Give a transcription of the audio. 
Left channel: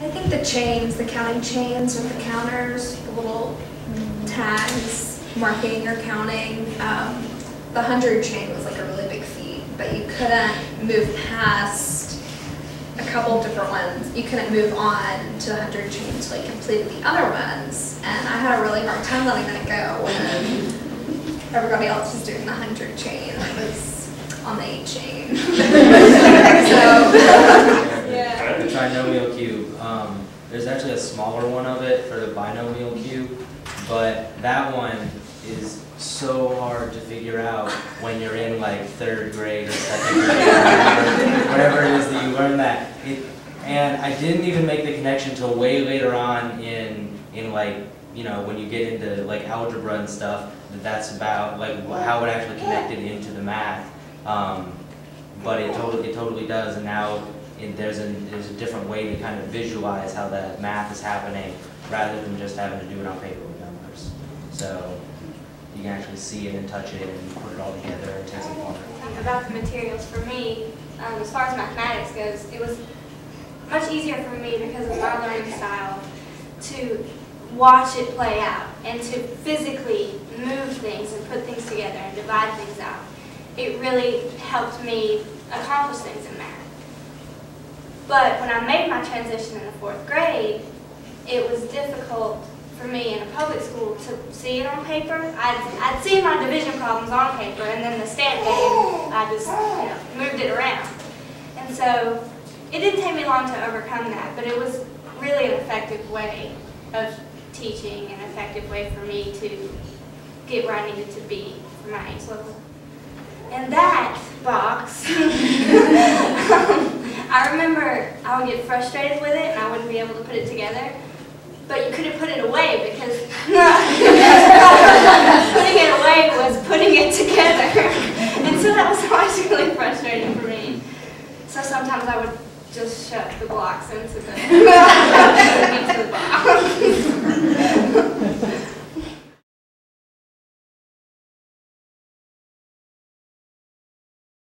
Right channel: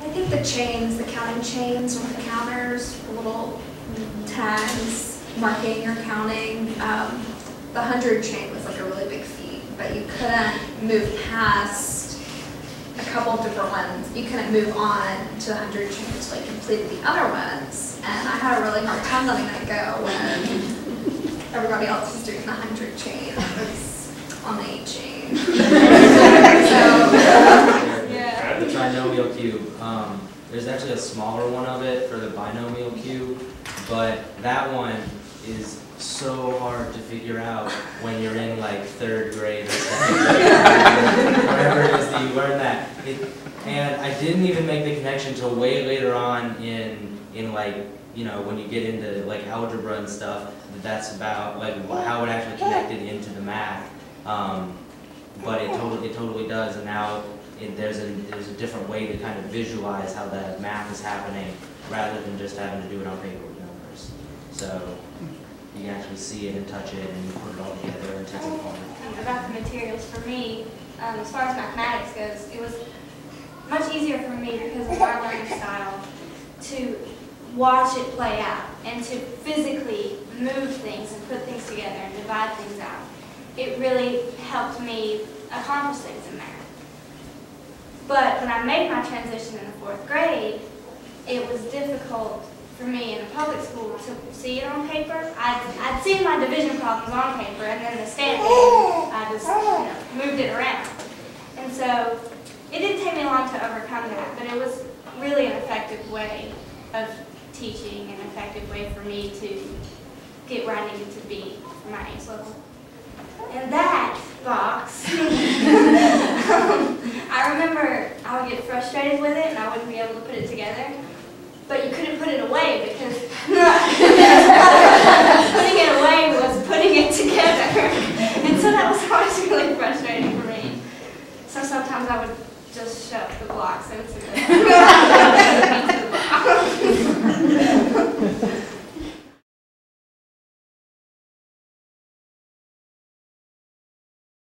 I think the chains, the counting chains with the counters, the little tags marking your counting. The 100 chain was like a really big feat, but you couldn't move past a couple of different ones. You couldn't move on to the 100 chain until you completed the other ones. And I had a really hard time letting that go when everybody else was doing the 100 chain. I was on the 8 chain. The trinomial cube. There's actually a smaller one of it for the binomial cube, but that one is so hard to figure out when you're in like 3rd grade or 2nd grade, wherever it is that you learn that. And I didn't even make the connection till way later on in like, you know, when you get into like algebra and stuff, that's about like how it actually connected into the math. But it totally does, and now there's a different way to kind of visualize how that math is happening rather than just having to do it on paper with numbers. So you can actually see it and touch it and put it all together and take it apart. About the materials, for me, as far as mathematics goes, it was much easier for me because of my learning style to watch it play out and to physically move things and put things together and divide things out. It really helped me accomplish things in math. But when I made my transition in the 4th grade, it was difficult for me in a public school to see it on paper. I'd seen my division problems on paper, and then the stamp game, I just moved it around. And so it didn't take me long to overcome that, but it was really an effective way of teaching, an effective way for me to get where I needed to be for my age level. And that box, I remember I would get frustrated with it and I wouldn't be able to put it together. But you couldn't put it away because putting it away was putting it together. And so that was always really frustrating for me. So sometimes I would just shove the blocks into the box.